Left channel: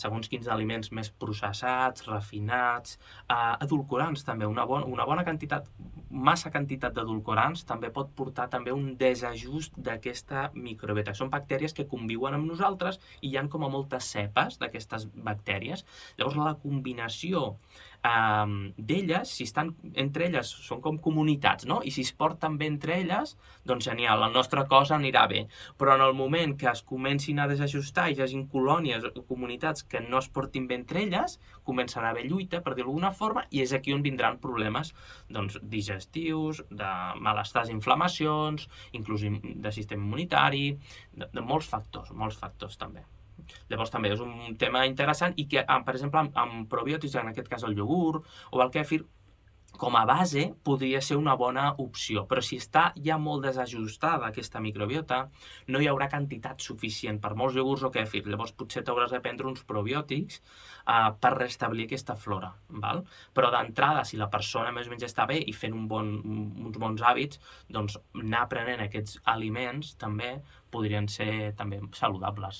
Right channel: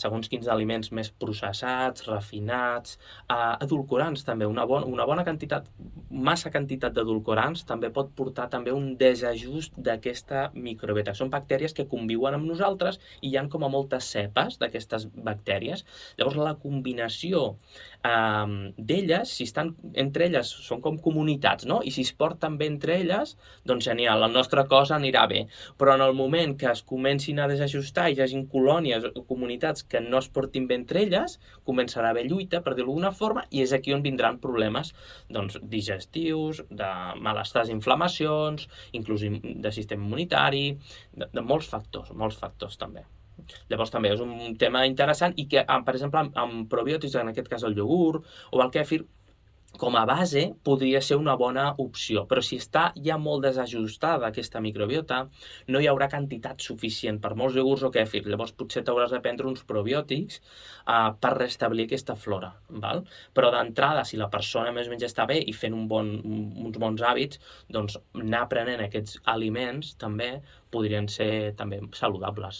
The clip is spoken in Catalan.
segons quins aliments més processats, refinats, edulcorants també, una bona quantitat, massa quantitat d'edulcorants també pot portar també un desajust d'aquesta microbiota. Són bactèries que conviuen amb nosaltres i hi ha com a moltes cepes d'aquestes bactèries. Llavors la combinació d'elles, si estan entre elles, són com comunitats, no? I si es porten bé entre elles, doncs genial, el nostre cos anirà bé. Però en el moment que es comencin a desajustar i hi hagin colònies o comunitats que no es portin bé entre elles, començarà a haver lluita, per dir-ho d'alguna forma, i és aquí on vindran problemes digestius, de malestars, inflamacions, inclús de sistema immunitari, de molts factors també. Llavors també és un tema interessant i que, per exemple, amb probiòtics, en aquest cas el iogurt o el kèfir, com a base podria ser una bona opció, però si està ja molt desajustada aquesta microbiota, no hi haurà quantitat suficient per molts iogurts o kèfir. Llavors potser t'hauràs de prendre uns probiòtics per restablir aquesta flora. Val? Però d'entrada, si la persona més o menys està bé i fent uns bons hàbits, doncs anar prenent aquests aliments també podrien ser també saludables.